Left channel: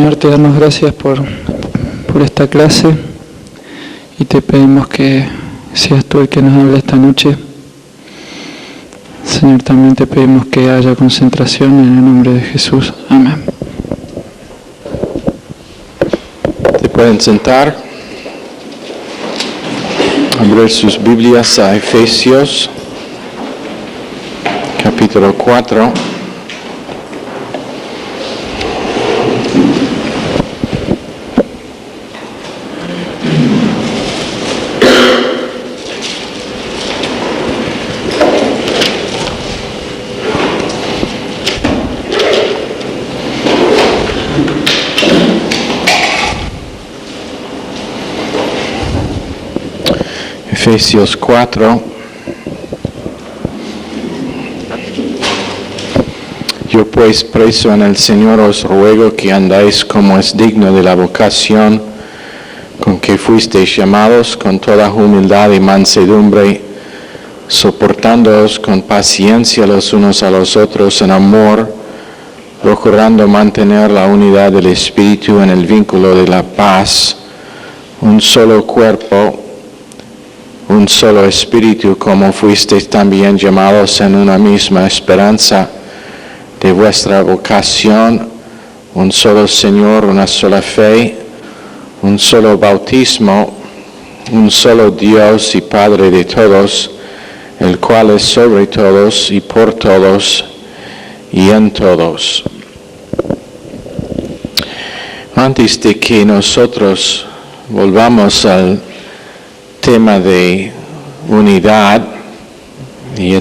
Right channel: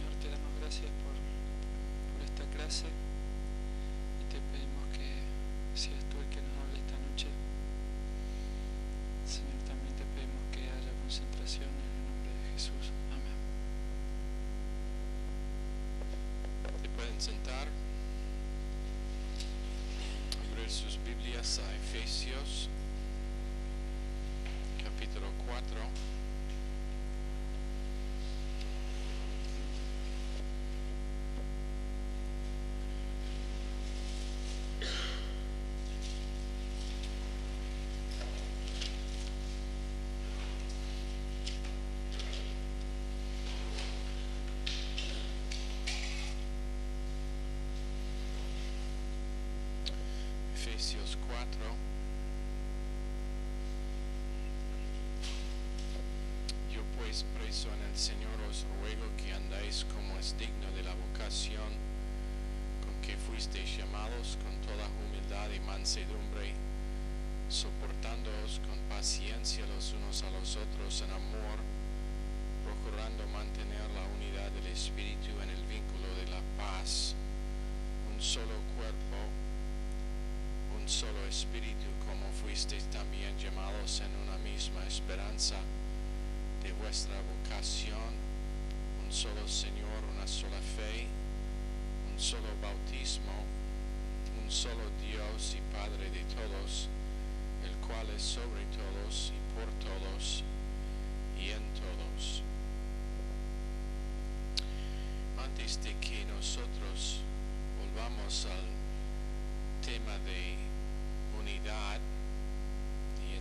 Señor, te damos gracias por esta clase y te pedimos que seas tú el que nos hable esta noche. Señor, también te pedimos que haya concentración en el nombre de Jesús. Amén. ¿Se pueden sentar? Abrir sus Biblias a Efesios, capítulo 4. Efesios 4. Yo pues, preso en el Señor, os ruego que andáis como es digno de la vocación con que fuisteis llamados, con toda humildad y mansedumbre, soportándoos con paciencia los unos a los otros en amor, procurando mantener la unidad del Espíritu en el vínculo de la paz, un solo cuerpo, un solo espíritu, como fuisteis también llamados en una misma esperanza de vuestra vocación, un solo Señor, una sola fe, un solo bautismo, un solo Dios y Padre de todos, el cual es sobre todos y por todos y en todos. Antes de que nosotros volvamos al tema de unidad, y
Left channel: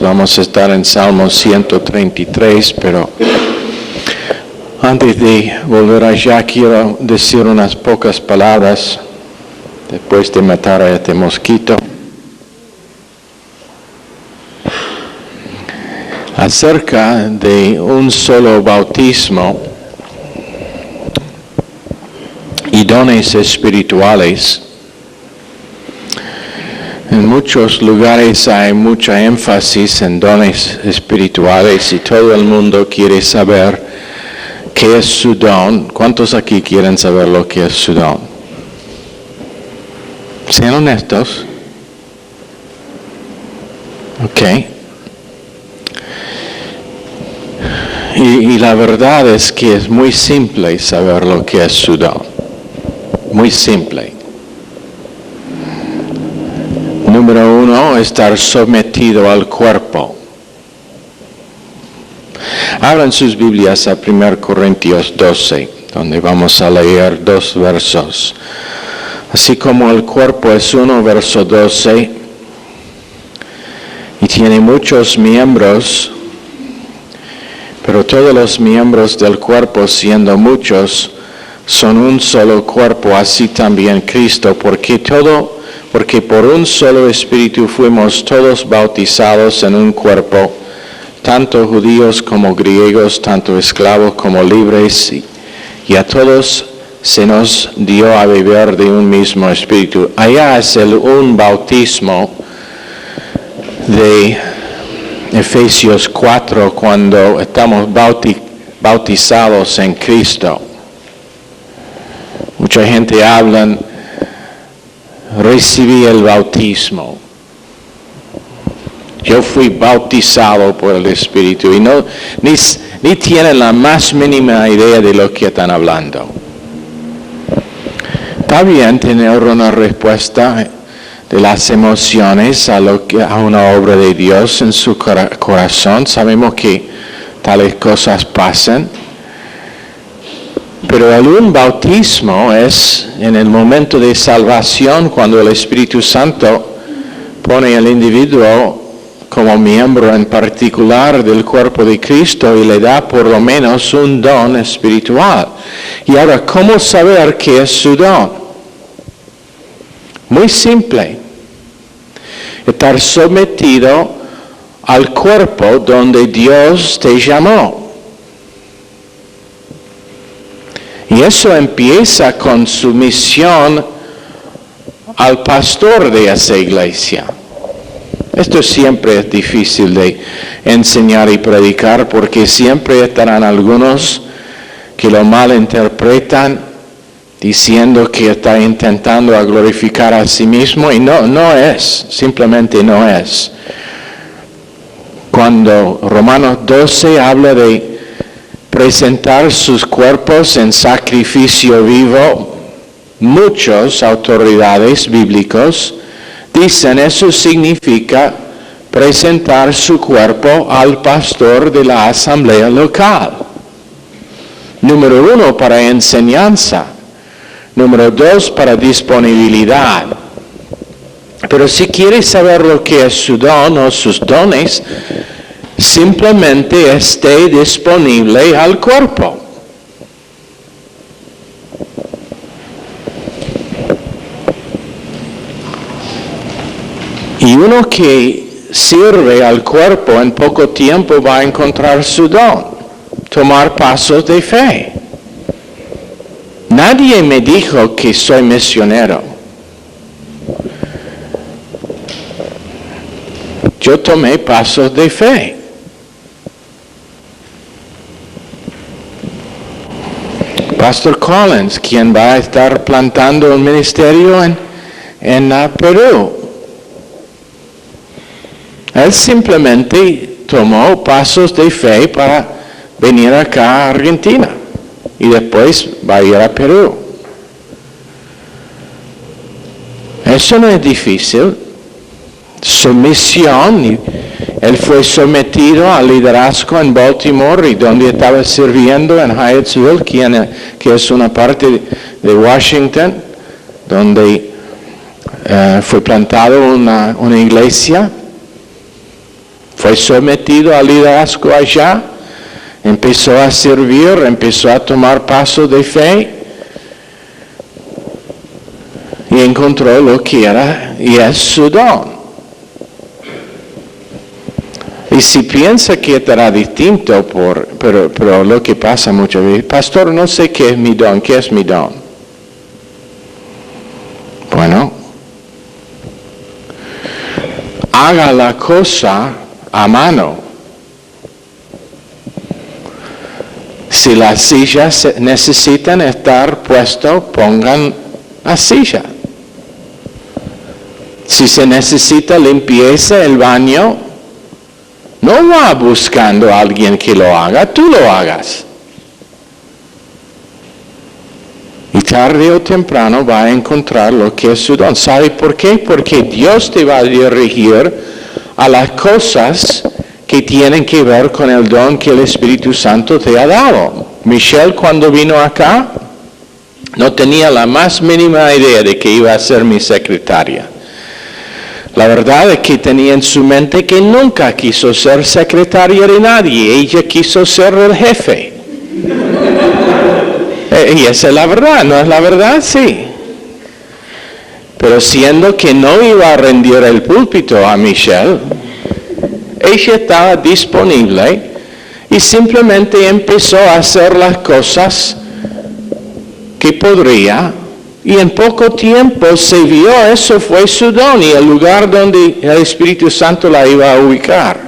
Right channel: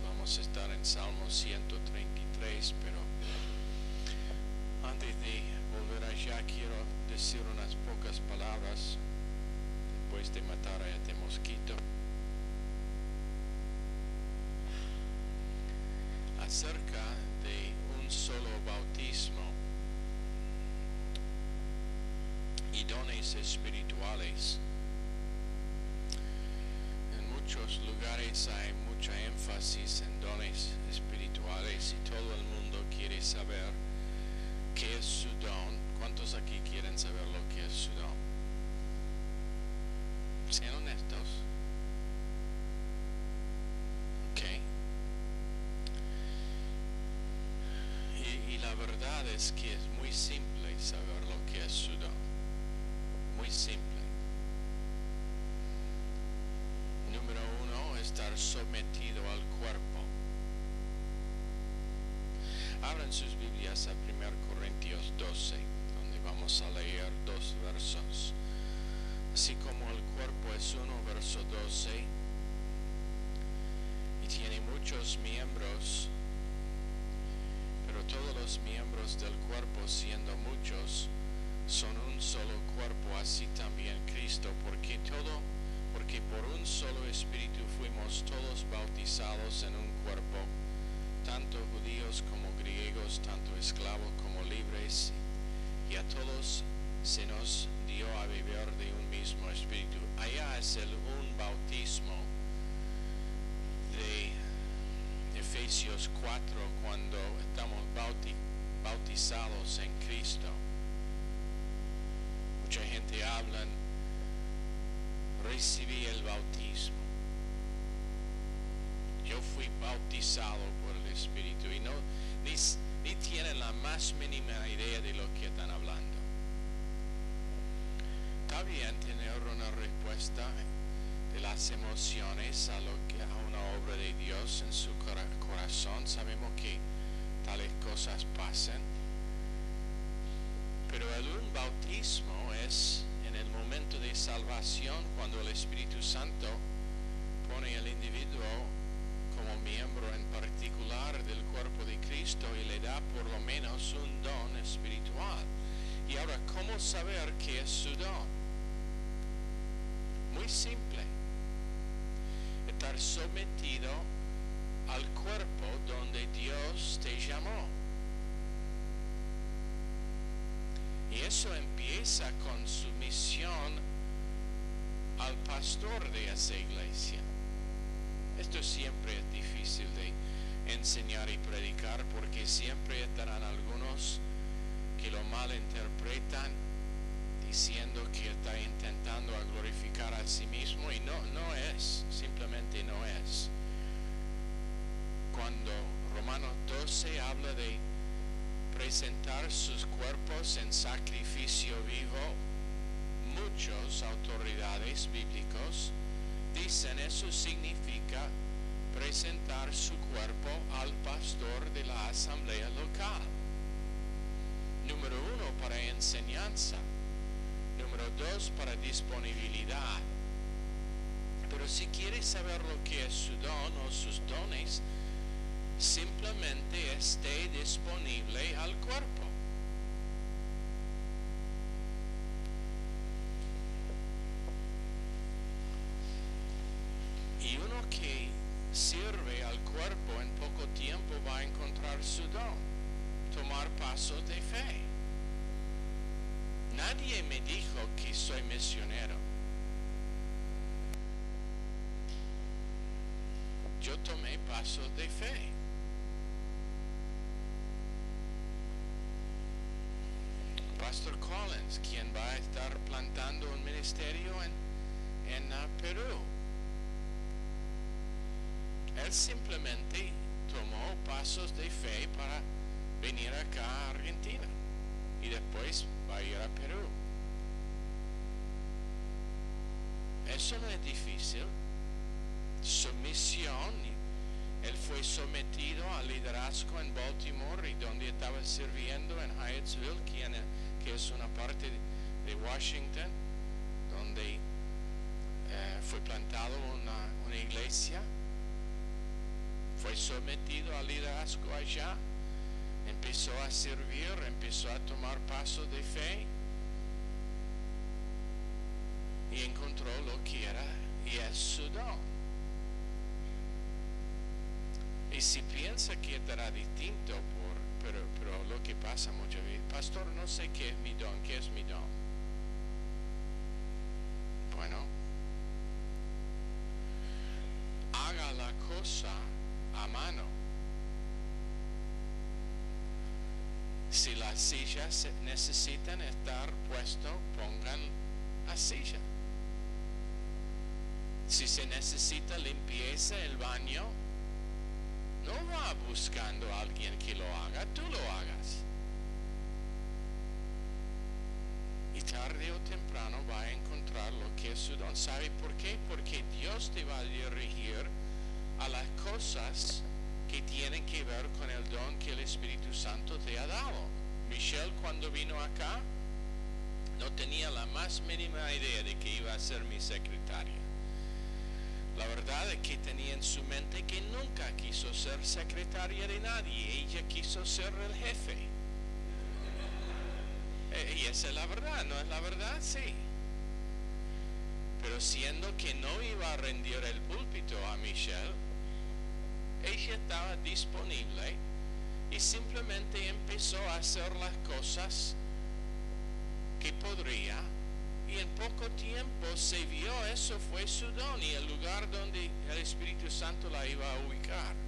vamos a estar en Salmo 133, pero antes de volver allá quiero decir unas pocas palabras después de matar a este mosquito acerca de un solo bautismo y dones espirituales. En muchos lugares hay mucha énfasis en dones espirituales y todo el mundo quiere saber qué es su don. ¿Cuántos aquí quieren saber lo que es su don? Sean honestos. Ok. Y la verdad es que es muy simple saber lo que es su don. Muy simple. Número 1, estar sometido al cuerpo. Abran sus Biblias a 1 Corintios 12, donde vamos a leer 2 versos. Así como el cuerpo es uno, verso 12, y tiene muchos miembros, pero todos los miembros del cuerpo, siendo muchos, son un solo cuerpo, así también Cristo, porque por un solo Espíritu fuimos todos bautizados en un cuerpo, tanto judíos como griegos, tanto esclavos como libres, y a todos se nos dio a beber de un mismo Espíritu. Allá es un bautismo de Efesios 4, cuando estamos bautizados en Cristo. Mucha gente habla, recibí el bautismo. Yo fui bautizado por el Espíritu y ni tienen la más mínima idea de lo que están hablando. Está bien tener una respuesta de las emociones a una obra de Dios en su corazón. Sabemos que tales cosas pasan. Pero un bautismo es en el momento de salvación, cuando el Espíritu Santo pone al individuo como miembro en particular del cuerpo de Cristo y le da por lo menos un don espiritual. Y ahora, ¿cómo saber qué es su don? Muy simple. Estar sometido al cuerpo donde Dios te llamó. Y eso empieza con sumisión al pastor de esa iglesia. Esto siempre es difícil de enseñar y predicar porque siempre estarán algunos que lo malinterpretan diciendo que está intentando a glorificar a sí mismo, y no es, simplemente no es. Cuando Romanos 12 habla de presentar sus cuerpos en sacrificio vivo, muchas autoridades bíblicos dicen eso significa presentar su cuerpo al pastor de la asamblea local. Número 1, para enseñanza. Número 2, para disponibilidad. Pero si quieres saber lo que es su don o sus dones, simplemente esté disponible al cuerpo. Y uno que sirve al cuerpo en poco tiempo va a encontrar su don, tomar pasos de fe. Nadie me dijo que soy misionero. Yo tomé pasos de fe. Pastor Collins, quien va a estar plantando un ministerio en Perú, él simplemente tomó pasos de fe para venir acá a Argentina y después va a ir a Perú. Eso no es difícil. Sumisión. Él fue sometido al liderazgo en Baltimore y donde estaba sirviendo en Hyattsville, que es una parte de Washington, donde fue plantada una iglesia. Fue sometido al liderazgo allá, empezó a servir, empezó a tomar pasos de fe y encontró lo que era y es su don. Y si piensa que estará distinto, pero lo que pasa muchas veces, pastor, no sé qué es mi don, ¿qué es mi don? Bueno, haga la cosa a mano. Si las sillas necesitan estar puestas, pongan la silla. Si se necesita limpieza el baño, no va buscando a alguien que lo haga, tú lo hagas. Y tarde o temprano va a encontrar lo que es su don. ¿Sabe por qué? Porque Dios te va a dirigir a las cosas que tienen que ver con el don que el Espíritu Santo te ha dado. Michelle, cuando vino acá, no tenía la más mínima idea de que iba a ser mi secretaria. La verdad es que tenía en su mente que nunca quiso ser secretaria de nadie. Ella quiso ser el jefe. Y esa es la verdad, ¿no es la verdad? Sí. Pero siendo que no iba a rendir el púlpito a Michelle, ella estaba disponible y simplemente empezó a hacer las cosas que podría, y en poco tiempo se vio, eso fue su don y el lugar donde el Espíritu Santo la iba a ubicar.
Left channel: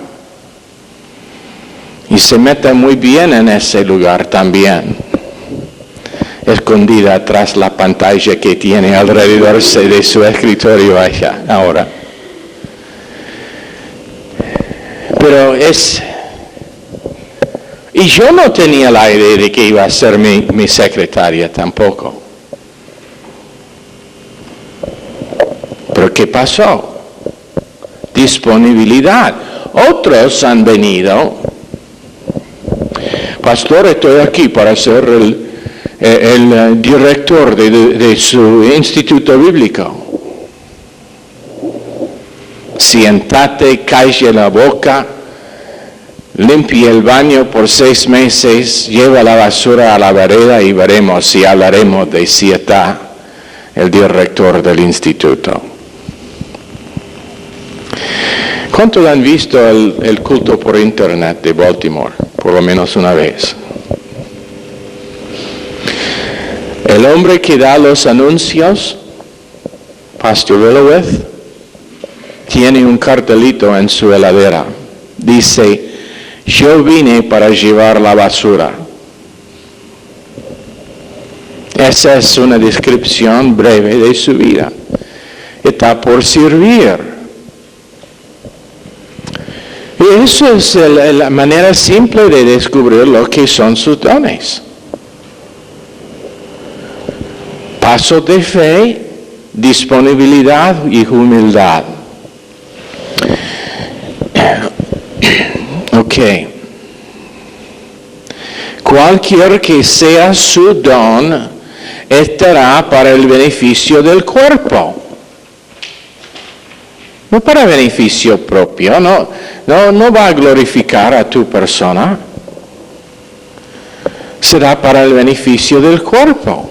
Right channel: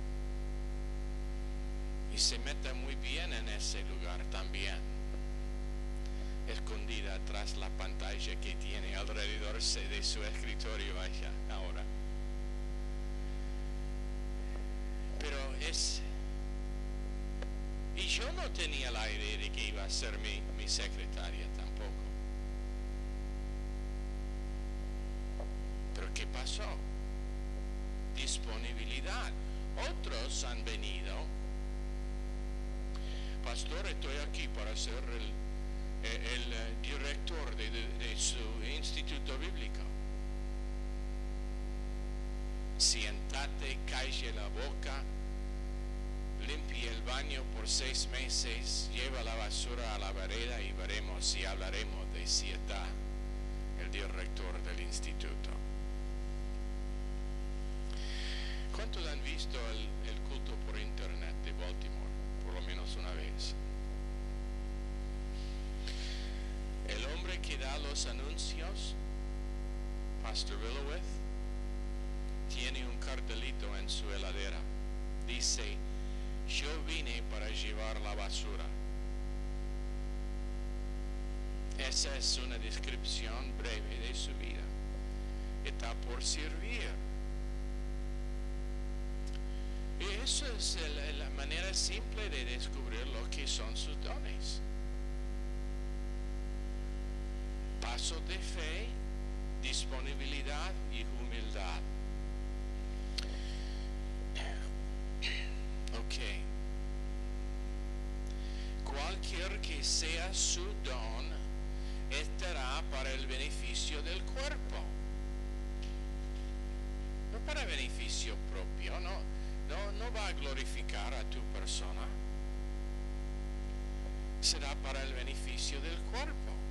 Y se mete muy bien en ese lugar también, escondida atrás la pantalla que tiene alrededor de su escritorio allá ahora. Pero y yo no tenía la idea de que iba a ser mi secretaria tampoco. Pero ¿qué pasó? Disponibilidad. Otros han venido. Pastor, estoy aquí para ser el director de su instituto bíblico. Siéntate, calle la boca, limpia el baño por 6 meses, lleva la basura a la vereda y veremos si hablaremos de si está el director del instituto. ¿Cuántos han visto el culto por internet de Baltimore? Por lo menos una vez. El hombre que da los anuncios, Pastor Willowith, tiene un cartelito en su heladera. Dice, yo vine para llevar la basura. Esa es una descripción breve de su vida. Está por servir. Y eso es la manera simple de descubrir lo que son sus dones. Paso de fe, disponibilidad y humildad. Ok. Cualquier que sea su don, estará para el beneficio del cuerpo. No para beneficio propio, no va a glorificar a tu persona. Será para el beneficio del cuerpo.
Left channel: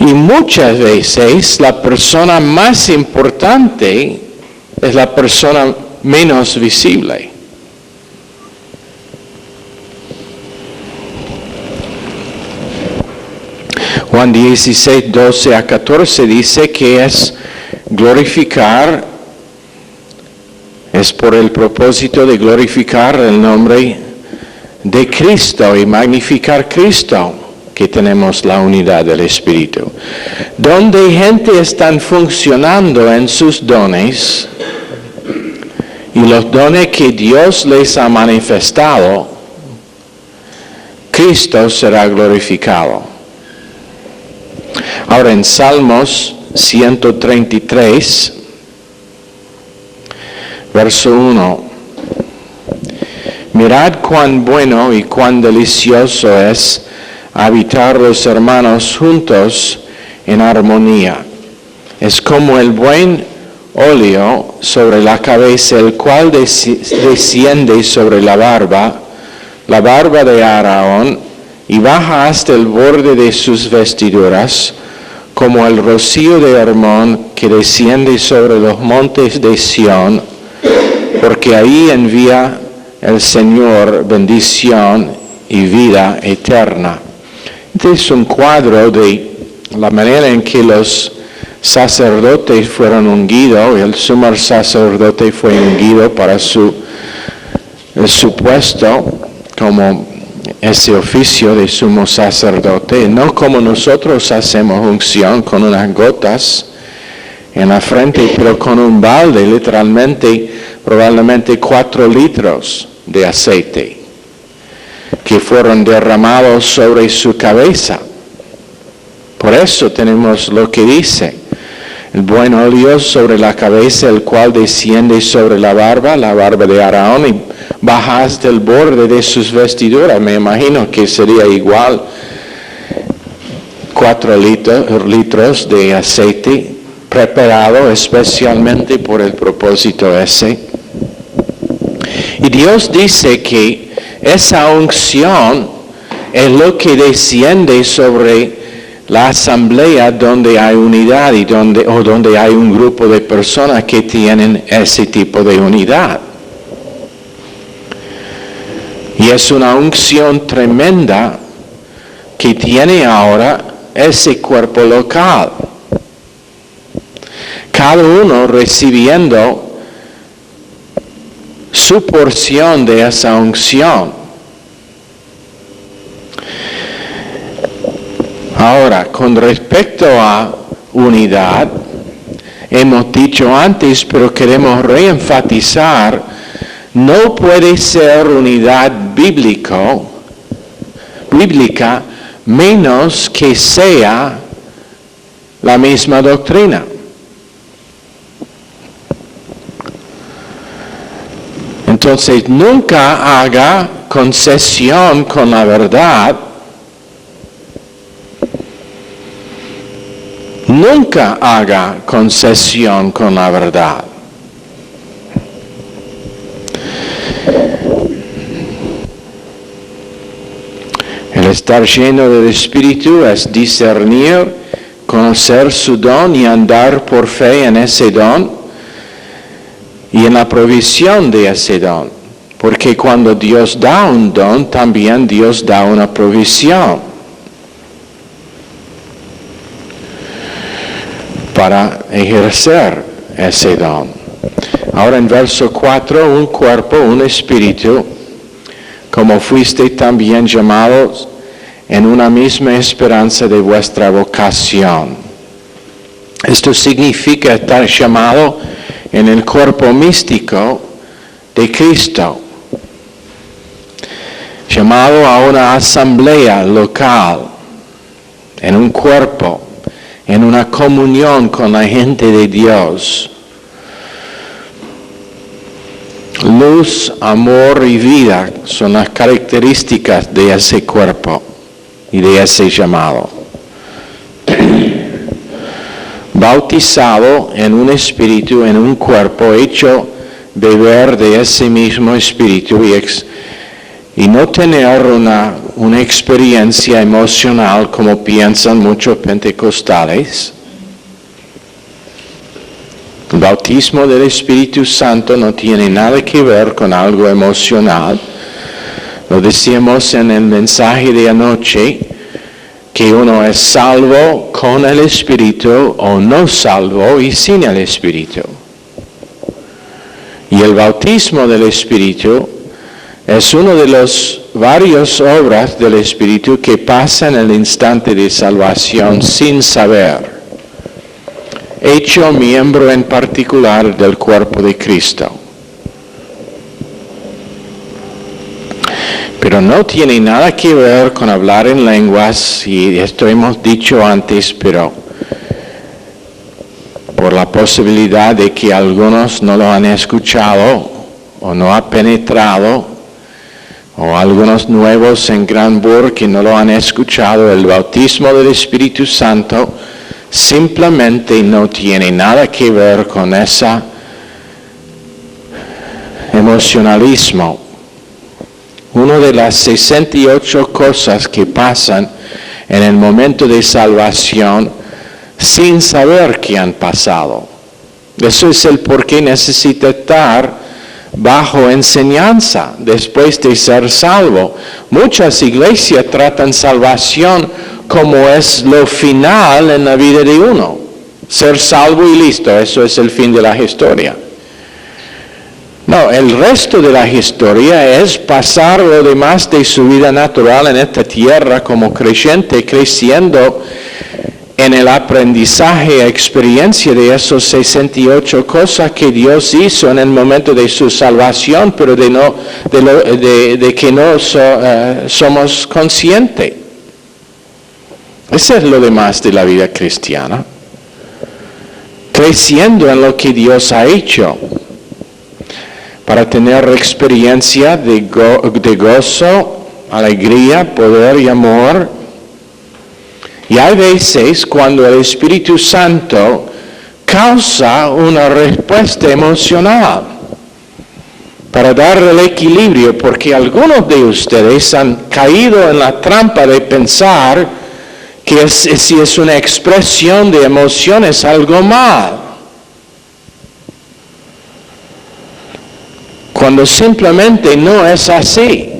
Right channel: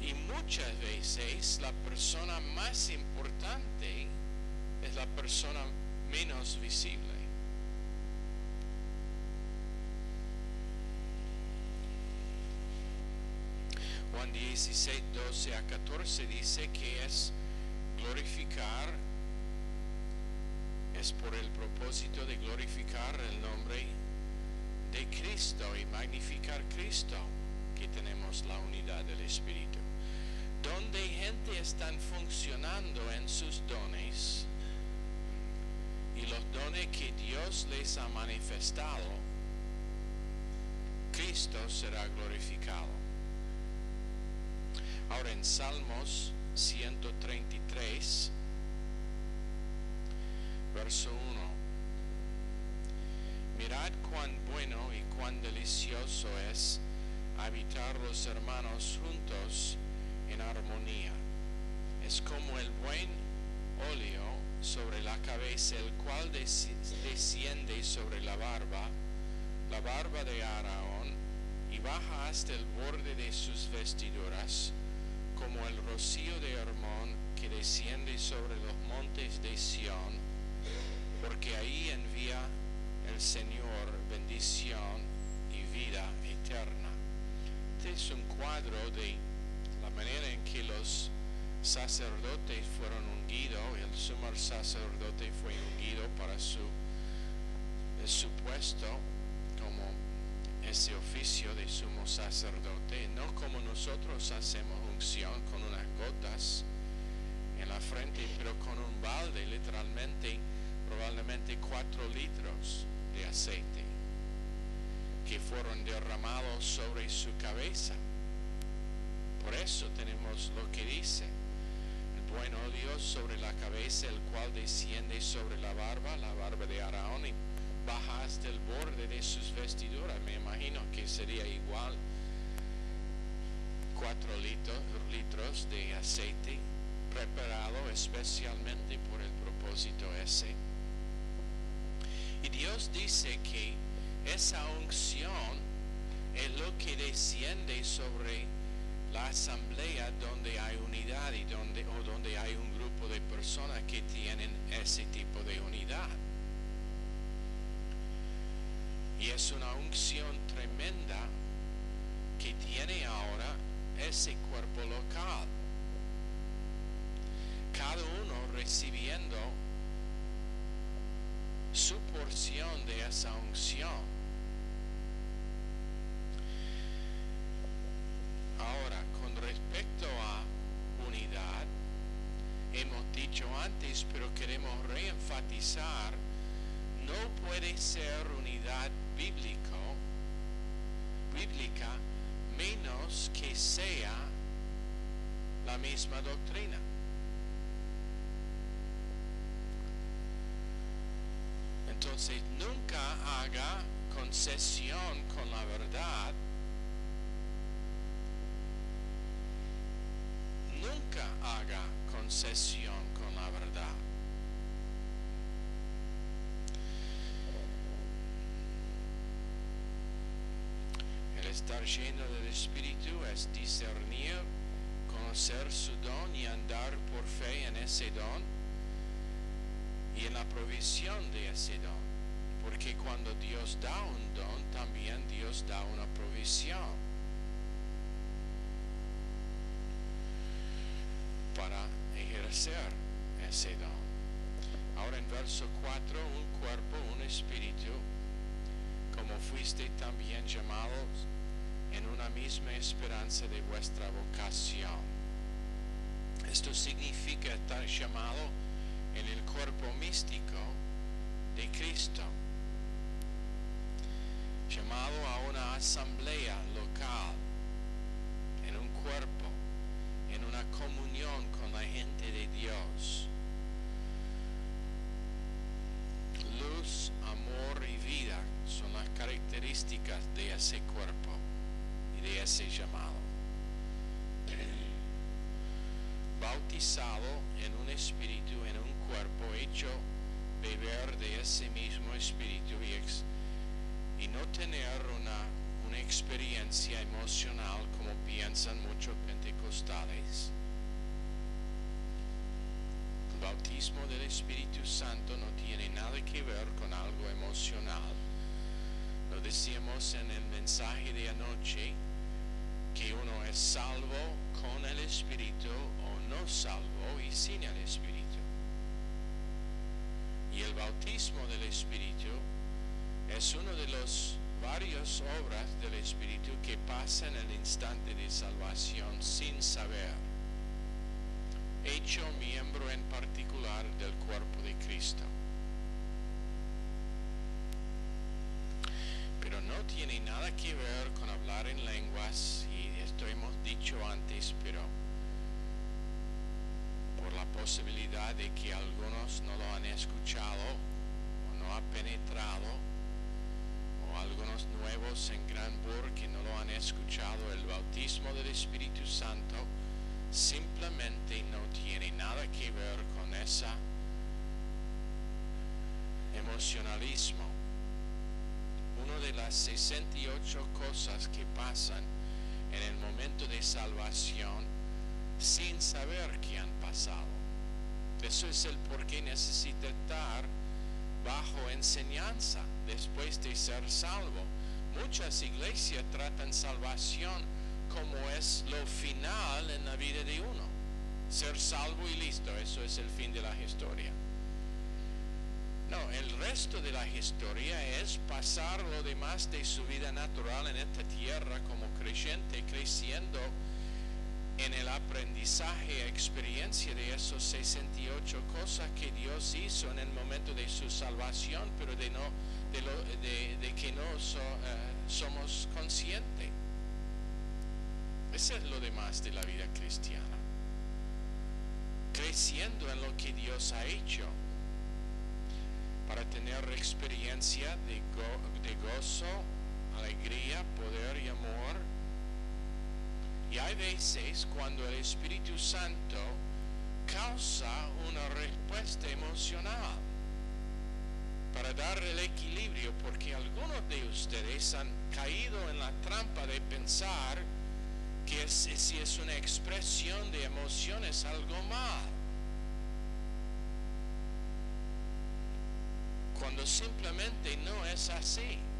Y muchas veces la persona más importante es la persona menos visible. Juan 16, 12 a 14 dice que es glorificar, es por el propósito de glorificar el nombre de Cristo y magnificar Cristo, que tenemos la unidad del Espíritu. Donde gente está funcionando en sus dones y los dones que Dios les ha manifestado, Cristo será glorificado. Ahora en Salmos 133, verso 1. Mirad cuán bueno y cuán delicioso es habitar los hermanos juntos en armonía. Es como el buen óleo sobre la cabeza, el cual desciende sobre la barba de Aarón, y baja hasta el borde de sus vestiduras, como el rocío de Hermón que desciende sobre los montes de Sión, porque ahí envía el Señor bendición y vida eterna. Este es un cuadro de la manera en que los sacerdotes fueron ungidos, y el sumo sacerdote fue ungido para su puesto como ese oficio de sumo sacerdote, no como nosotros hacemos unción con unas gotas en la frente, pero con un balde, literalmente, probablemente 4 litros de aceite que fueron derramados sobre su cabeza. Por eso tenemos lo que dice: el buen óleo sobre la cabeza, el cual desciende sobre la barba de Aarón, y baja hasta el borde de sus vestiduras. Me imagino que sería igual 4 litros de aceite preparado especialmente por el propósito ese. Y Dios dice que esa unción es lo que desciende sobre la asamblea donde hay unidad y donde hay un grupo de personas que tienen ese tipo de unidad. Y es una unción tremenda que tiene ahora ese cuerpo local. Cada uno recibiendo su porción de esa unción. Ahora, con respecto a unidad, hemos dicho antes, pero queremos reenfatizar, no puede ser unidad bíblica menos que sea la misma doctrina. Entonces, nunca haga concesión con la verdad. Nunca haga concesión con la verdad. El estar lleno del Espíritu es discernir, conocer su don y andar por fe en ese don y en la provisión de ese don. Porque cuando Dios da un don, también Dios da una provisión para ejercer ese don. Ahora en verso 4, un cuerpo, un espíritu, como fuisteis también llamados en una misma esperanza de vuestra vocación. Esto significa estar llamado en el cuerpo místico de Cristo, llamado a una asamblea local, en un cuerpo, en una comunión con la gente de Dios. Luz, amor y vida son las características de ese cuerpo y de ese llamado. Bautizado en un espíritu, en un cuerpo, hecho beber de ese mismo espíritu y no tener una experiencia emocional como piensan muchos pentecostales. El bautismo del Espíritu Santo no tiene nada que ver con algo emocional. Lo decíamos en el mensaje de anoche, que uno es salvo con el Espíritu o no salvo y sin el Espíritu. Y el bautismo del Espíritu es una de las varias obras del Espíritu que pasa en el instante de salvación sin saber, hecho miembro en particular del cuerpo de Cristo. Pero no tiene nada que ver con hablar en lenguas, y esto hemos dicho antes, pero por la posibilidad de que algunos no lo han escuchado o no ha penetrado, o algunos nuevos en Granburg que no lo han escuchado, el bautismo del Espíritu Santo simplemente no tiene nada que ver con ese emocionalismo. Una de las 68 cosas que pasan en el momento de salvación sin saber que han pasado. Eso es el por qué necesita estar bajo enseñanza después de ser salvo. Muchas iglesias tratan salvación como es lo final en la vida de uno. Ser salvo y listo, eso es el fin de la historia. No, el resto de la historia es pasar lo demás de su vida natural en esta tierra como creyente, creciendo en el aprendizaje, experiencia de esos 68 cosas que Dios hizo en el momento de su salvación, pero de que no somos conscientes. Eso es lo demás de la vida cristiana. Creciendo en lo que Dios ha hecho, para tener experiencia de gozo, alegría, poder y amor. Y hay veces cuando el Espíritu Santo causa una respuesta emocional para darle el equilibrio, porque algunos de ustedes han caído en la trampa de pensar que si es una expresión de emociones algo mal, cuando simplemente no es así.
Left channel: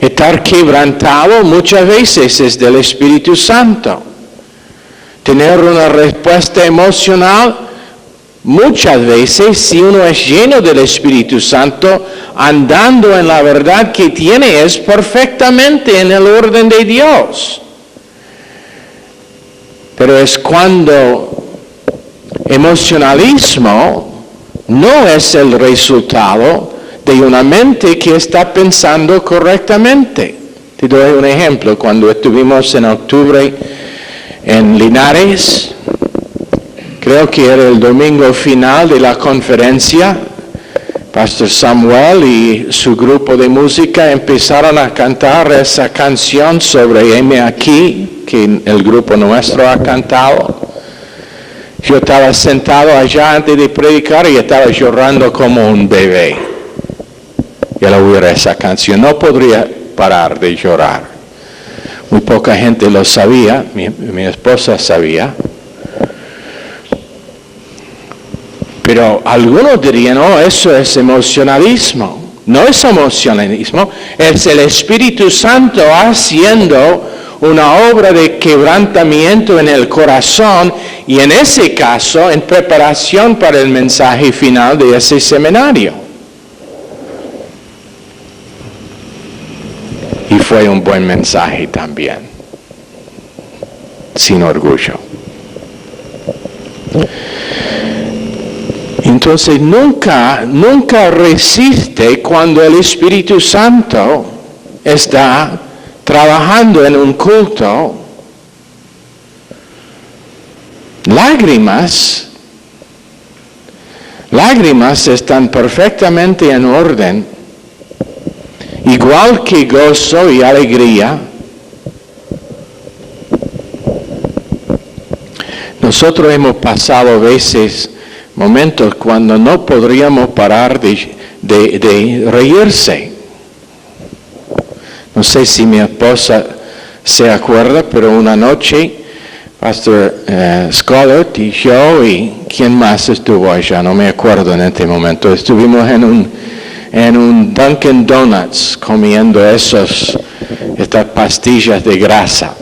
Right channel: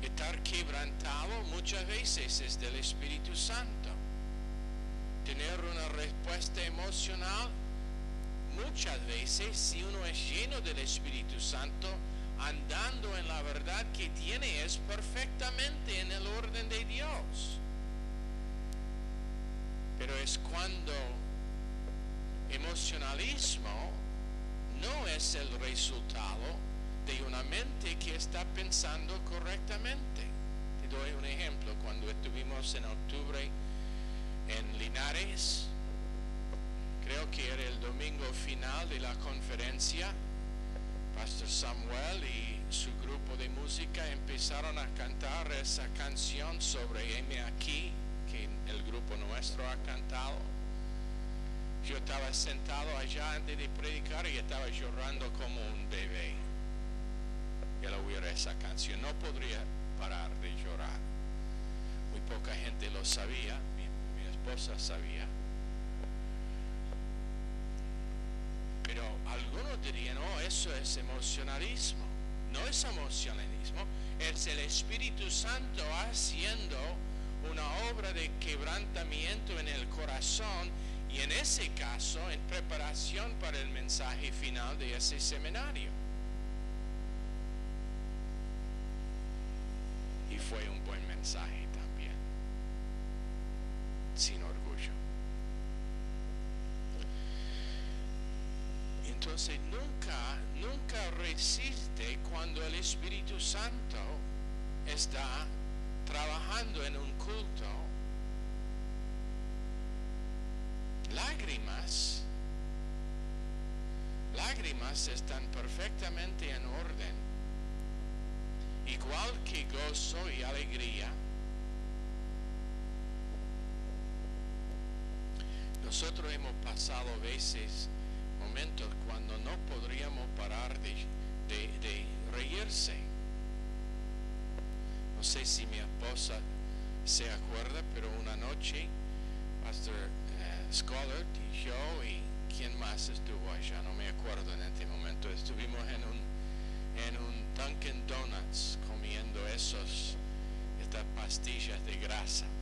Estar quebrantado muchas veces es del Espíritu Santo. Tener una respuesta emocional muchas veces, si uno es lleno del Espíritu Santo, andando en la verdad que tiene, es perfectamente en el orden de Dios. Pero es cuando emocionalismo no es el resultado de una mente que está pensando correctamente. Te doy un ejemplo. Cuando estuvimos en octubre en Linares, creo que era el domingo final de la conferencia, Pastor Samuel y su grupo de música empezaron a cantar esa canción sobre Heme aquí, que el grupo nuestro ha cantado. Yo estaba sentado allá antes de predicar y estaba llorando como un bebé. Y al oír esa canción no podría parar de llorar. Muy poca gente lo sabía, mi esposa sabía. Pero algunos dirían, no, eso es emocionalismo. No es emocionalismo, es el Espíritu Santo haciendo una obra de quebrantamiento en el corazón, y en ese caso, en preparación para el mensaje final de ese seminario. Y fue un buen mensaje también, sin orgullo. Entonces nunca resiste cuando el Espíritu Santo está trabajando en un culto. Lágrimas están perfectamente en orden, igual que gozo y alegría. Nosotros hemos pasado veces momentos cuando no podríamos parar de reírse. No sé si mi esposa se acuerda, pero una noche Pastor Scarlett y yo y quién más estuvo allá, no me acuerdo en este momento. Estuvimos en un Dunkin' Donuts comiendo estas pastillas de grasa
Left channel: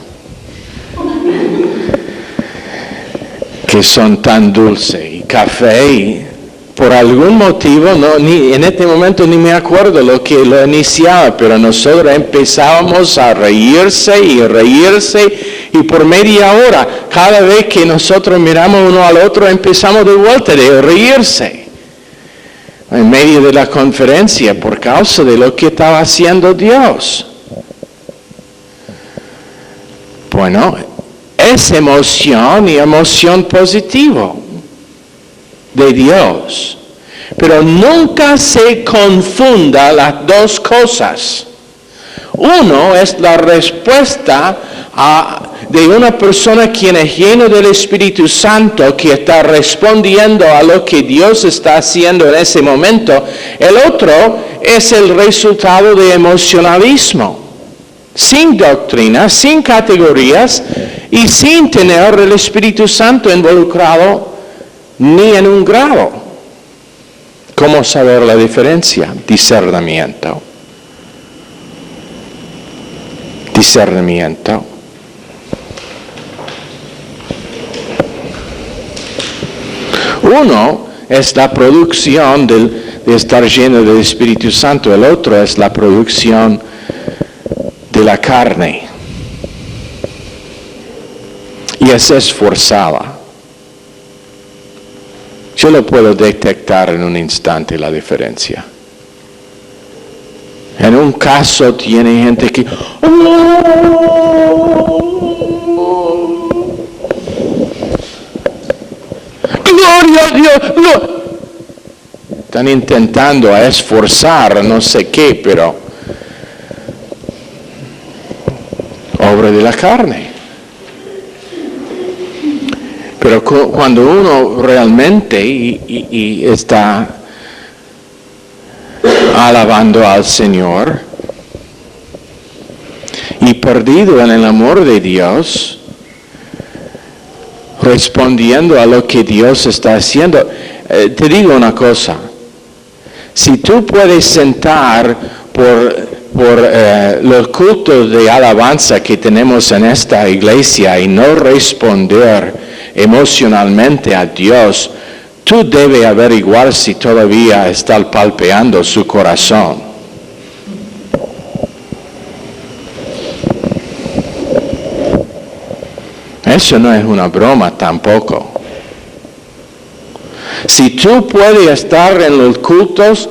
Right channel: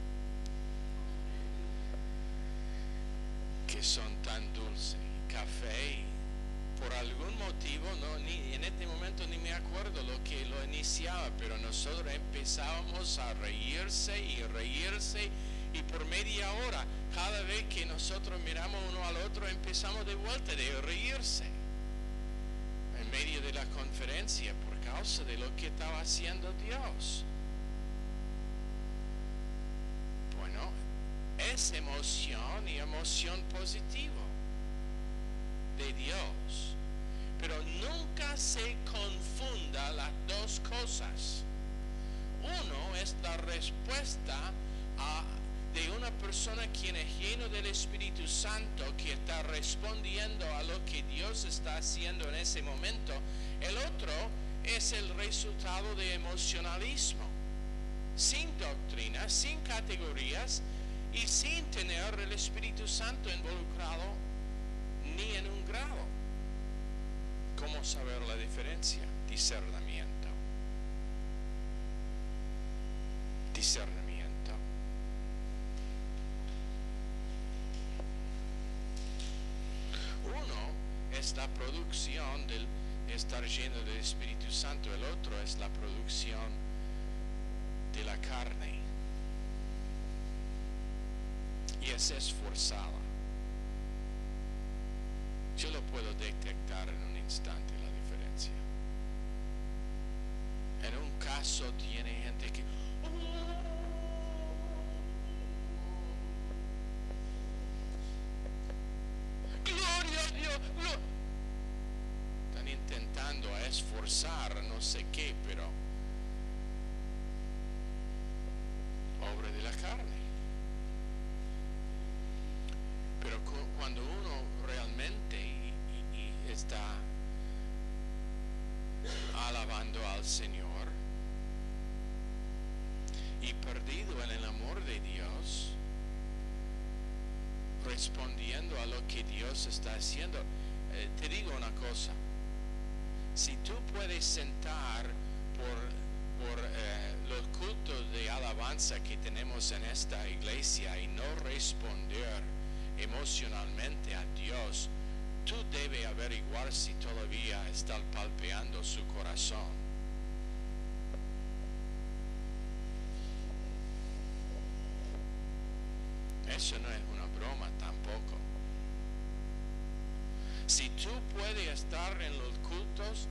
que son tan dulces, y café, y por algún motivo, en este momento ni me acuerdo lo que lo iniciaba, pero nosotros empezábamos a reírse, y por media hora, cada vez que nosotros miramos uno al otro, empezamos de vuelta de reírse, en medio de la conferencia, por causa de lo que estaba haciendo Dios. Bueno, es emoción y emoción positiva de Dios, pero nunca se confunda las dos cosas. Uno es la respuesta de una persona quien es lleno del Espíritu Santo, que está respondiendo a lo que Dios está haciendo en ese momento. El otro es el resultado de emocionalismo, sin doctrina, sin categorías y sin tener el Espíritu Santo involucrado ni en un grado. ¿Cómo saber la diferencia? Discernimiento. Uno es la producción de estar lleno del Espíritu Santo, el otro es la producción de la carne. Y es esforzada. Yo lo puedo detectar en un instante la diferencia. En un caso tiene gente que gloria a Dios, no. Están intentando esforzar no sé qué, pero obra de la carne. Pero cuando uno realmente y está alabando al Señor y perdido en el amor de Dios, respondiendo a lo que Dios está haciendo, te digo una cosa, si tú puedes sentar por los cultos de alabanza que tenemos en esta iglesia y no responder emocionalmente a Dios, tú debes averiguar si todavía está palpeando su corazón. Eso no es una broma tampoco. Si tú puedes estar en los cultos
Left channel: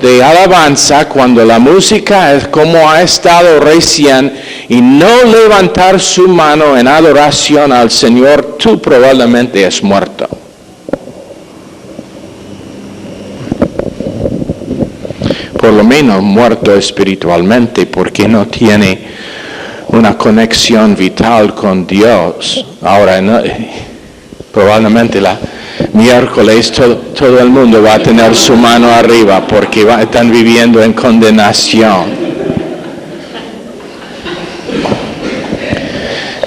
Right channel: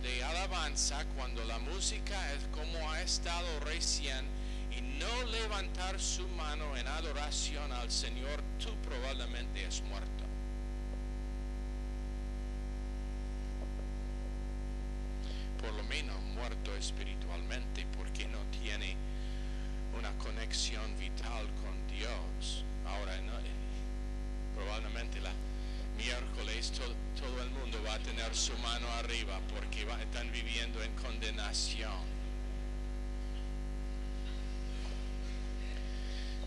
de alabanza, cuando la música es como ha estado recién, y no levantar su mano en adoración al Señor, tú probablemente es muerto. Por lo menos muerto espiritualmente, porque no tiene una conexión vital con Dios. Ahora, probablemente miércoles todo el mundo va a tener su mano arriba porque están viviendo en condenación.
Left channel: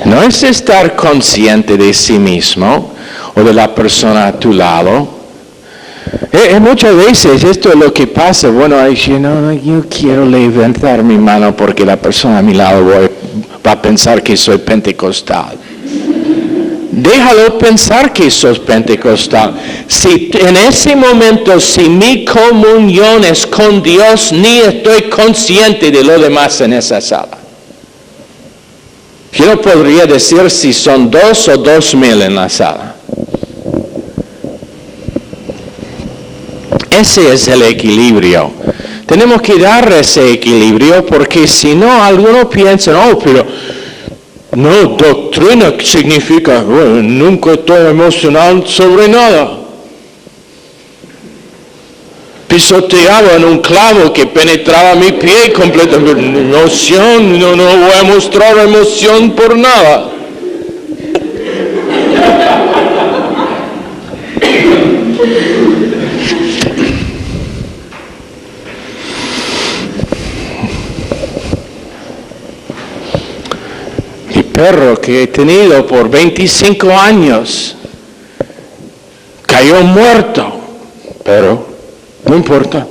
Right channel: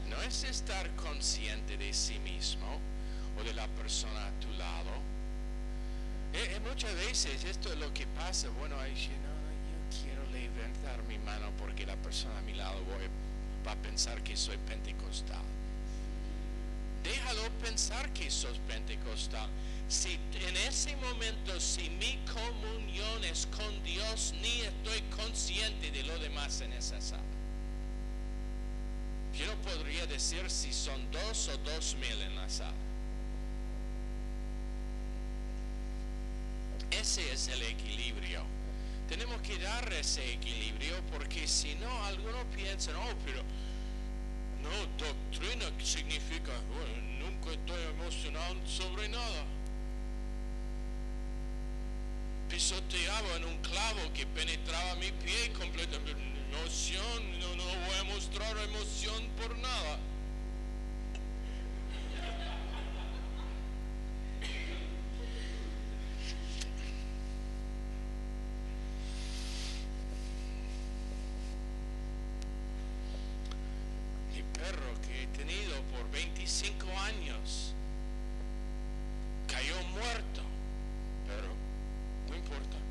No es estar consciente de sí mismo o de la persona a tu lado. Muchas veces esto es lo que pasa. Bueno, yo quiero levantar mi mano porque la persona a mi lado va a pensar que soy pentecostal. Déjalo pensar que sos pentecostal. Si en ese momento, si mi comunión es con Dios, ni estoy consciente de lo demás en esa sala. Yo no podría decir si son 2 o 2,000 en la sala. Ese es el equilibrio. Tenemos que dar ese equilibrio porque si no, algunos piensan, oh, pero no, doctrina significa, bueno, nunca estoy emocional sobre nada. Pisoteaba en un clavo que penetraba mi pie completamente. Emoción, no voy a mostrar emoción por nada. Mi perro que he tenido por 25 años cayó muerto, pero no importa.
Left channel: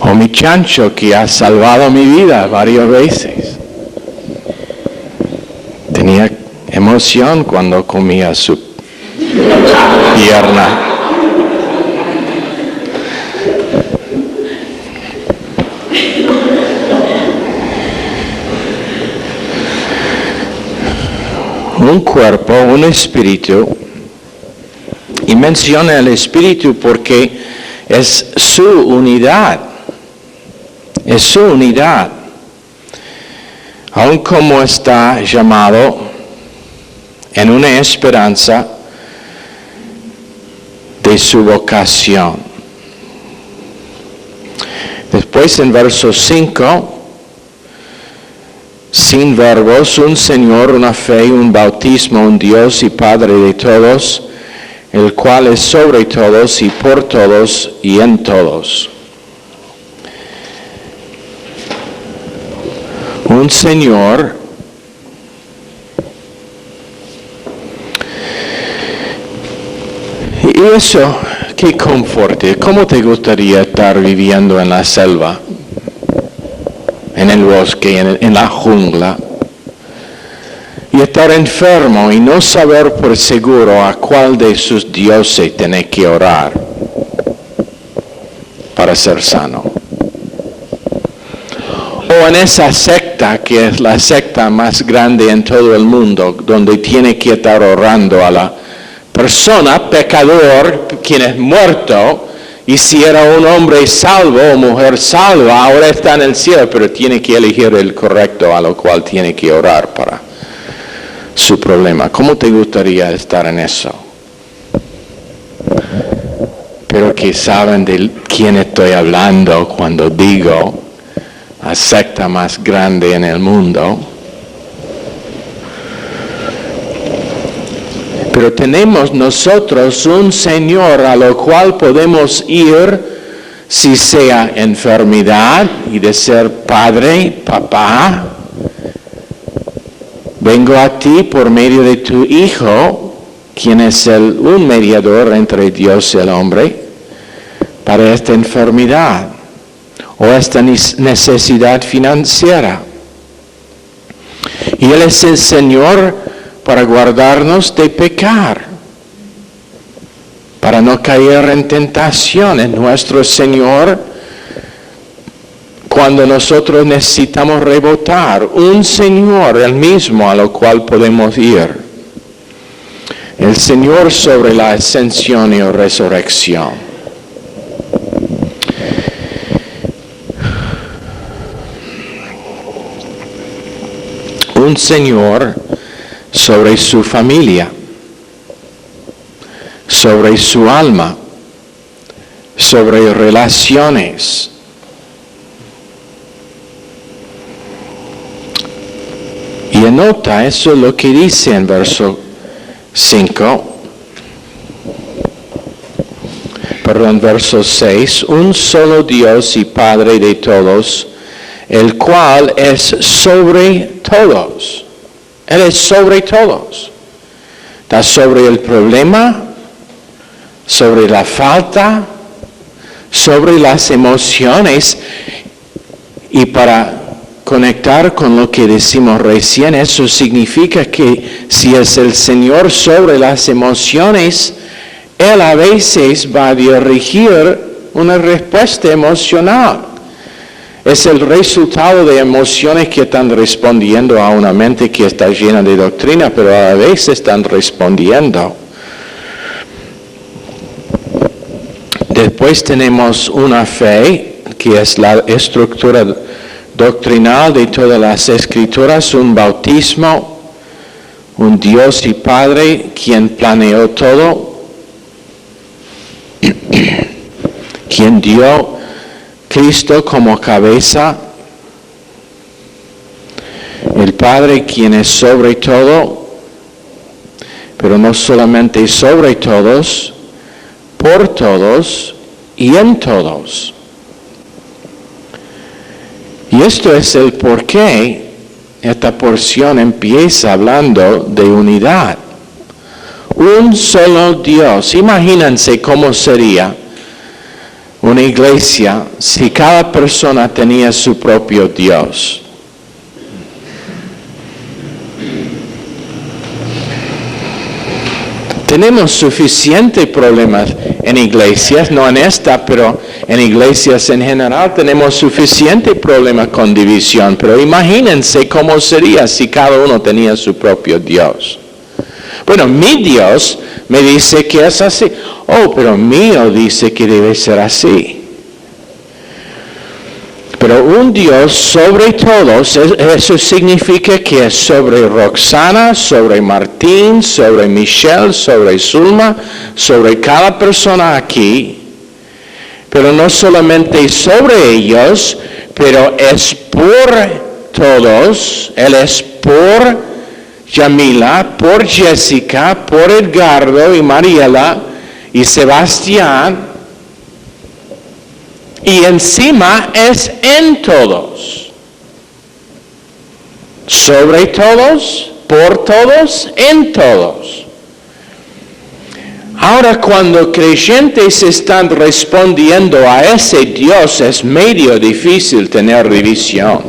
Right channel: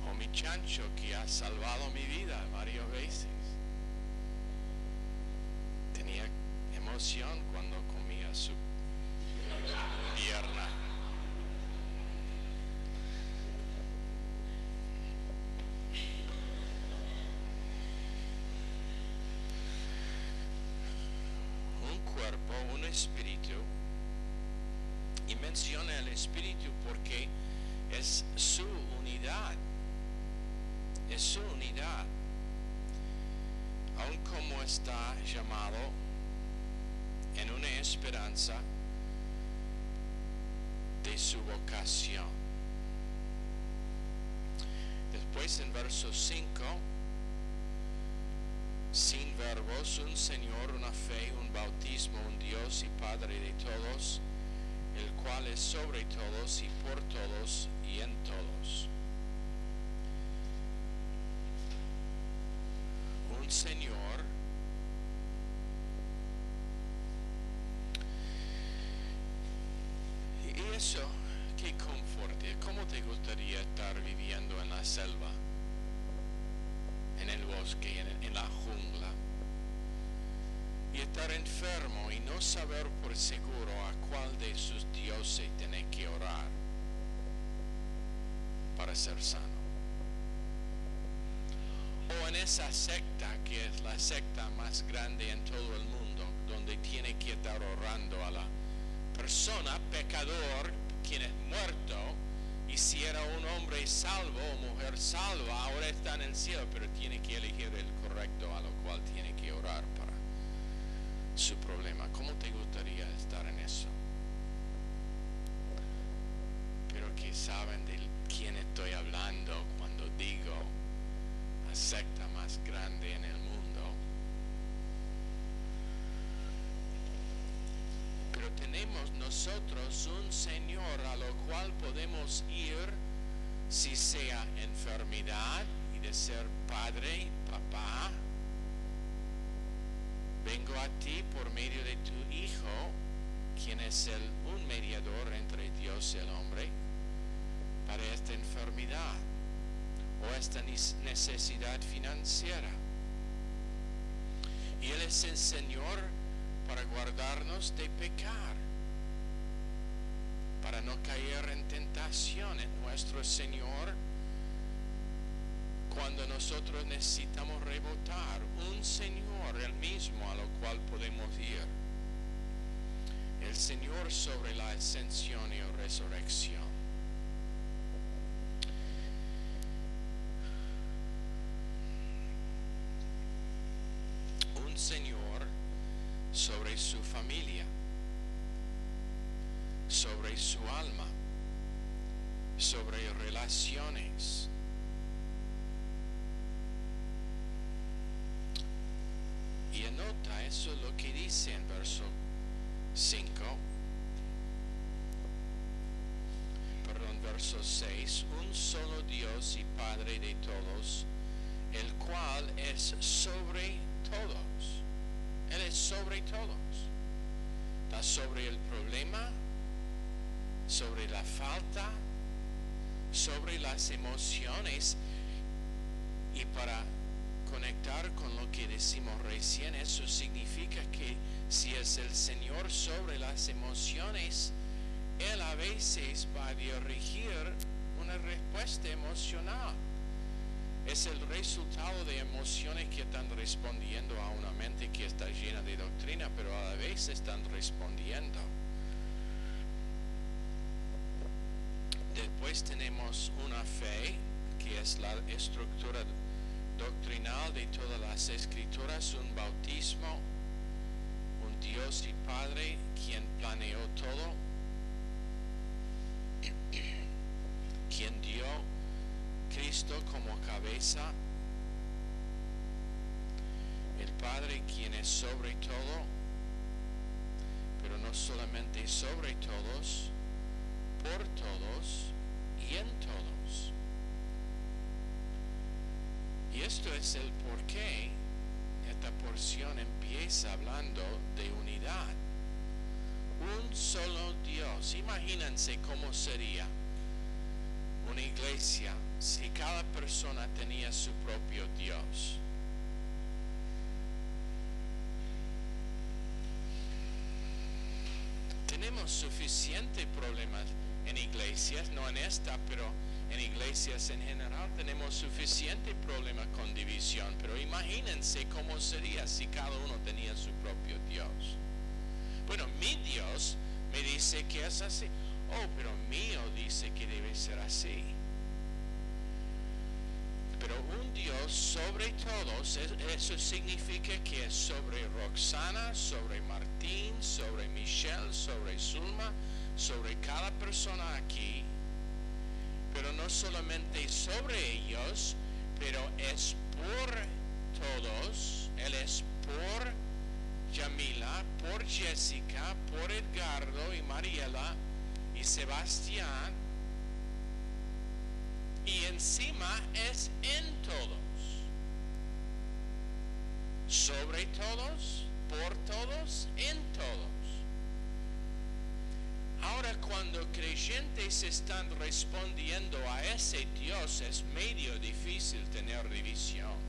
O mi chancho que ha salvado mi vida varias veces. Tenía emoción cuando comía su pierna. Un cuerpo, un espíritu, y menciona el espíritu porque es su unidad, aun como está llamado en una esperanza de su vocación. Después en verso 5, sin verbos, un Señor, una fe, un bautismo, un Dios y Padre de todos, el cual es sobre todos y por todos y en todos. Un Señor y eso, qué conforte. ¿Cómo te gustaría estar viviendo en la selva? En el bosque, en la jungla, y estar enfermo y no saber por seguro a cuál de sus dioses tiene que orar para ser sano. O en esa secta que es la secta más grande en todo el mundo, donde tiene que estar orando a la persona, pecador, quien es muerto. Y si era un hombre salvo o mujer salva, ahora está en el cielo, pero tiene que elegir el correcto a lo cual tiene que orar para su problema. ¿Cómo te gustaría estar en eso? Pero que saben de quién estoy hablando cuando digo la secta más grande en el mundo. Pero tenemos nosotros un Señor a lo cual podemos ir, si sea enfermedad y de ser padre, papá. Vengo a ti por medio de tu Hijo, quien es un mediador entre Dios y el hombre, para esta enfermedad o esta necesidad financiera. Y Él es el Señor para guardarnos de pecar, para no caer en tentación. Es nuestro Señor cuando nosotros necesitamos rebotar. Un Señor, el mismo a lo cual podemos ir. El Señor sobre la ascensión y resurrección. Un Señor sobre su familia, sobre su alma, sobre relaciones. Y anota eso lo que dice en verso 6, un solo Dios y Padre de todos, el cual es sobre todos. Él es sobre todos. Está sobre el problema, sobre la falta, sobre las emociones. Y para conectar con lo que decimos recién, eso significa que si es el Señor sobre las emociones, Él a veces va a dirigir una respuesta emocional. Es el resultado de emociones que están respondiendo a una mente que está llena de doctrina, pero a la vez están respondiendo. Después tenemos una fe, que es la estructura doctrinal de todas las Escrituras, un bautismo, un Dios y Padre quien planeó todo, quien dio Cristo como cabeza, el Padre quien es sobre todo, pero no solamente sobre todos, por todos y en todos. Y esto es el por qué esta porción empieza hablando de unidad. Un solo Dios. Imagínense cómo sería una iglesia si cada persona tenía su propio Dios. Tenemos suficientes problemas en iglesias, no en esta, pero en iglesias en general tenemos suficiente problema con división. Pero imagínense cómo sería si cada uno tenía su propio Dios. Bueno, mi Dios me dice que es así. Oh, pero mío dice que debe ser así. Pero un Dios sobre todos, eso significa que es sobre Roxana, sobre Martín, sobre Michelle, sobre Zulma, sobre cada persona aquí. Pero no solamente sobre ellos, pero es por todos. Él es por Yamila, por Jessica, por Edgardo y Mariela y Sebastián. Y encima es en todos. Sobre todos, por todos, en todos. Ahora cuando creyentes están respondiendo a ese Dios es medio difícil tener división.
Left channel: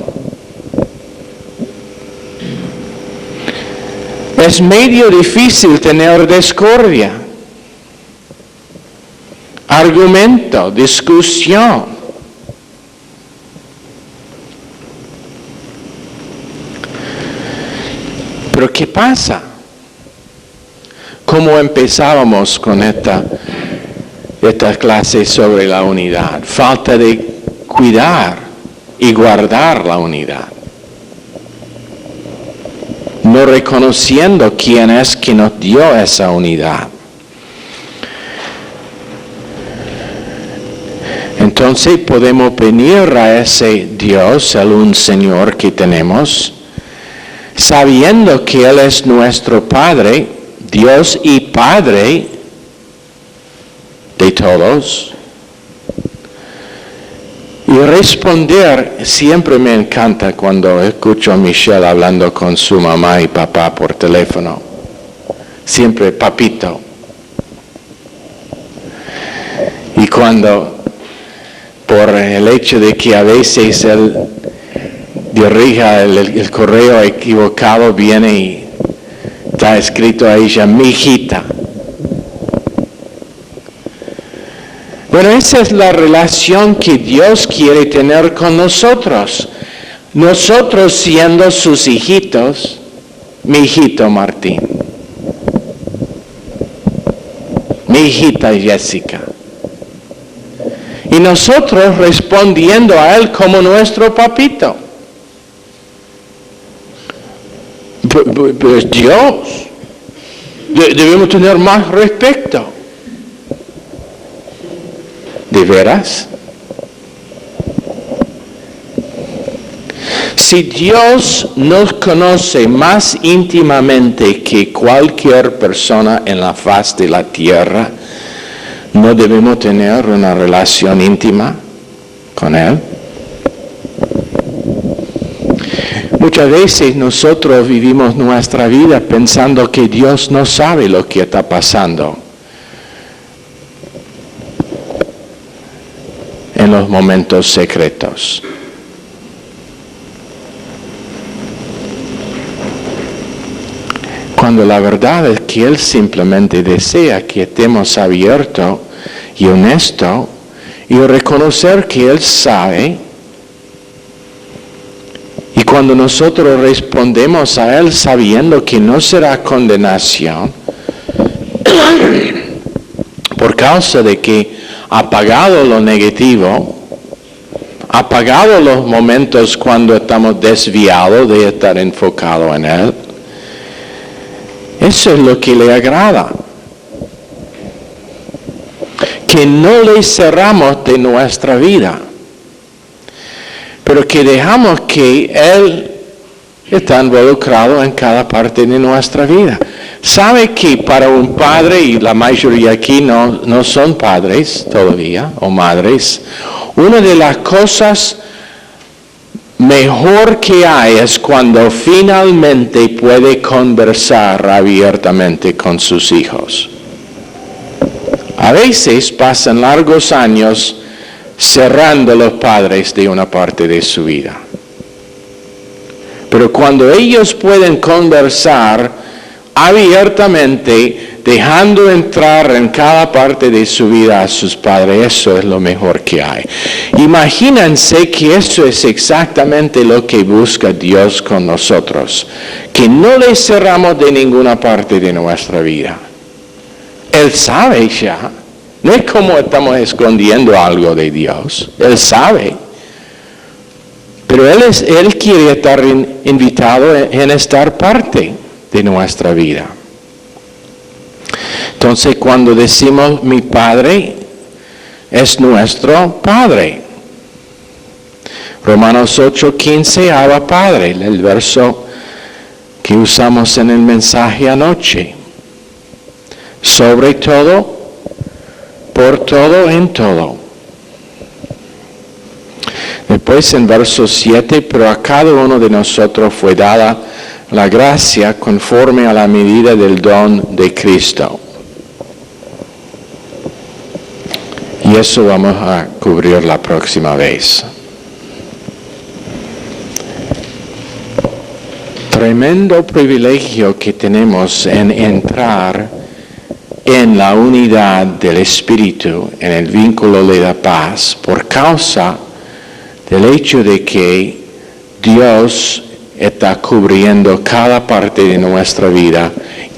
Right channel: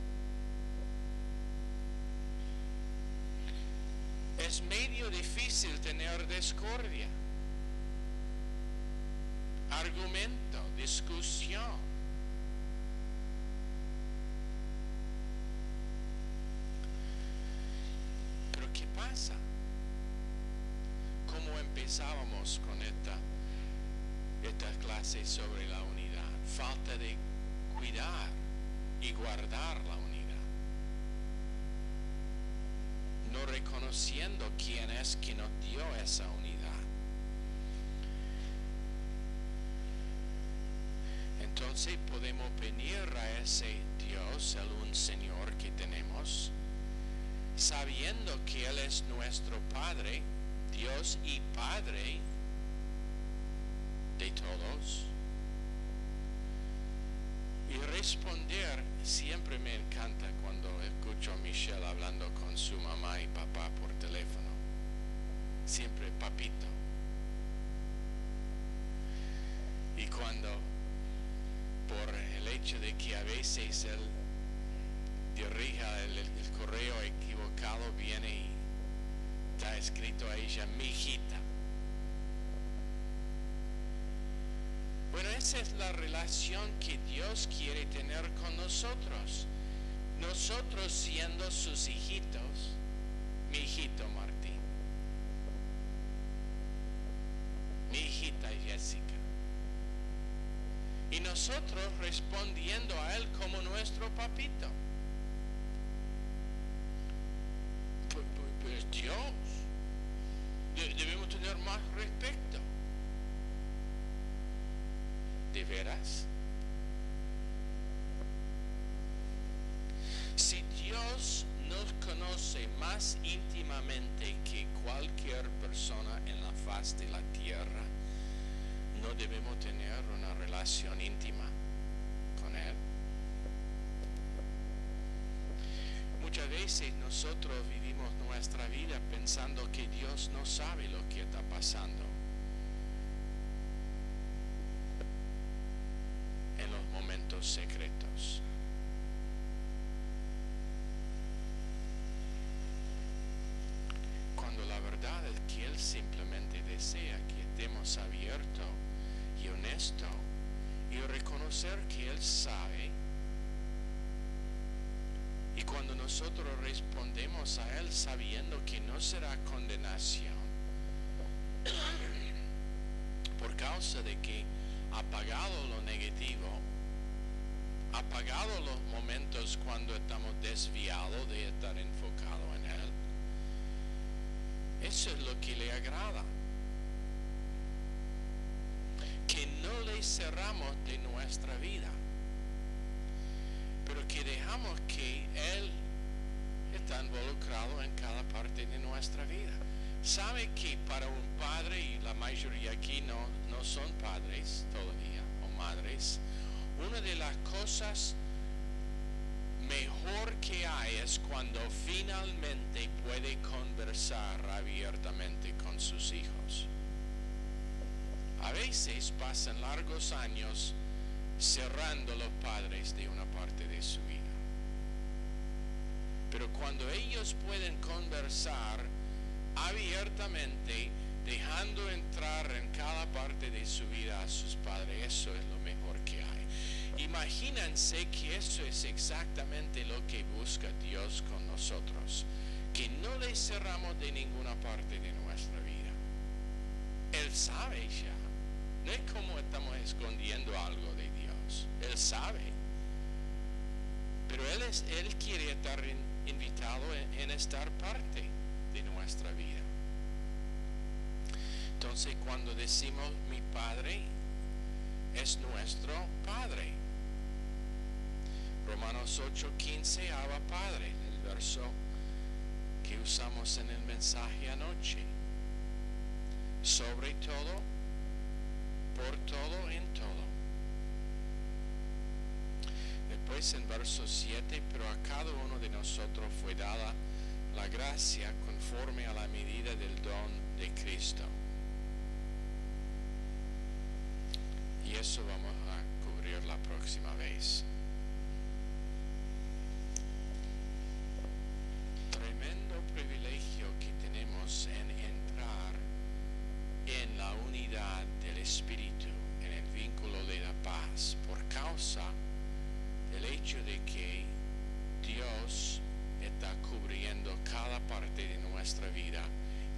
Es medio difícil tener discordia. Argumento, discusión. Pero ¿qué pasa? ¿Cómo empezábamos con esta clase sobre la unidad? Falta de cuidar y guardar la unidad. No reconociendo quién es que nos dio esa unidad. Entonces podemos venir a ese Dios, el un Señor que tenemos, sabiendo que Él es nuestro Padre, Dios y Padre de todos. Y responder, siempre me encanta cuando escucho a Michelle hablando con su mamá y papá por teléfono. Siempre papito. Y cuando por el hecho de que a veces él dirija el correo equivocado, viene y está escrito a ella, mi hijita. Bueno, esa es la relación que Dios quiere tener con nosotros. Nosotros siendo sus hijitos, mi hijito Martín, mi hijita Jessica. Y nosotros respondiendo a Él como nuestro papito. Pues Dios. Debemos tener más respeto. ¿De veras? Si Dios nos conoce más íntimamente que cualquier persona en la faz de la tierra, ¿no debemos tener una relación íntima con Él? Muchas veces nosotros vivimos nuestra vida pensando que Dios no sabe lo que está pasando en los momentos secretos. cuando la verdad es que Él simplemente desea que estemos abiertos y honestos y reconocer que Él sabe. Y cuando nosotros respondemos a Él sabiendo que no será condenación, por causa de que ha pagado lo negativo, ha pagado los momentos cuando estamos desviados de estar enfocados en Él, eso es lo que le agrada. Que no le cerramos de nuestra vida, pero que dejamos que Él está involucrado en cada parte de nuestra vida. ¿Sabe que para un padre, y la mayoría aquí no son padres todavía, o madres, una de las cosas mejor que hay es cuando finalmente puede conversar abiertamente con sus hijos? A veces pasan largos años cerrando los padres de una parte de su vida. Pero cuando ellos pueden conversar abiertamente, dejando entrar en cada parte de su vida a sus padres, eso es lo mejor que hay. Imagínense que eso es exactamente lo que busca Dios con nosotros, que no le cerramos de ninguna parte de nuestra vida. Él sabe ya, no es como estamos escondiendo algo de Dios, Él sabe. Pero Él quiere estar invitado en estar parte de nuestra vida. Entonces, cuando decimos mi Padre, es nuestro Padre. Romanos 8:15, Abba Padre, el verso que usamos en el mensaje anoche. Sobre todo, por todo, en todo. Después en verso 7, pero a cada uno de nosotros fue dada la gracia conforme a la medida del don de Cristo. Y eso vamos a cubrir la próxima vez. Tremendo privilegio que tenemos en entrar en la unidad del Espíritu, en el vínculo de la paz, por causa del hecho de que Dios está cubriendo cada parte de nuestra vida,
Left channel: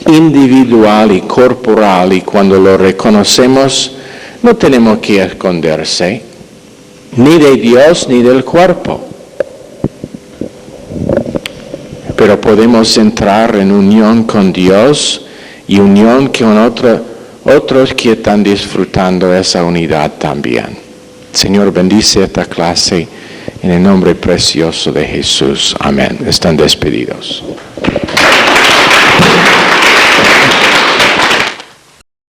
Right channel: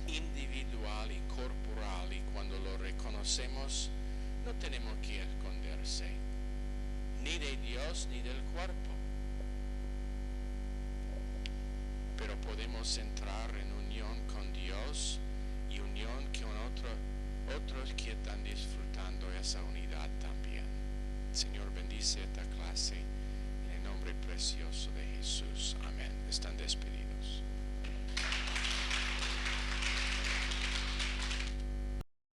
individual y corporal, y cuando lo reconocemos, no tenemos que esconderse, ni de Dios ni del cuerpo. Pero podemos entrar en unión con Dios y unión con otros que están disfrutando esa unidad también. Señor, bendice esta clase en el nombre precioso de Jesús. Amén. Están despedidos.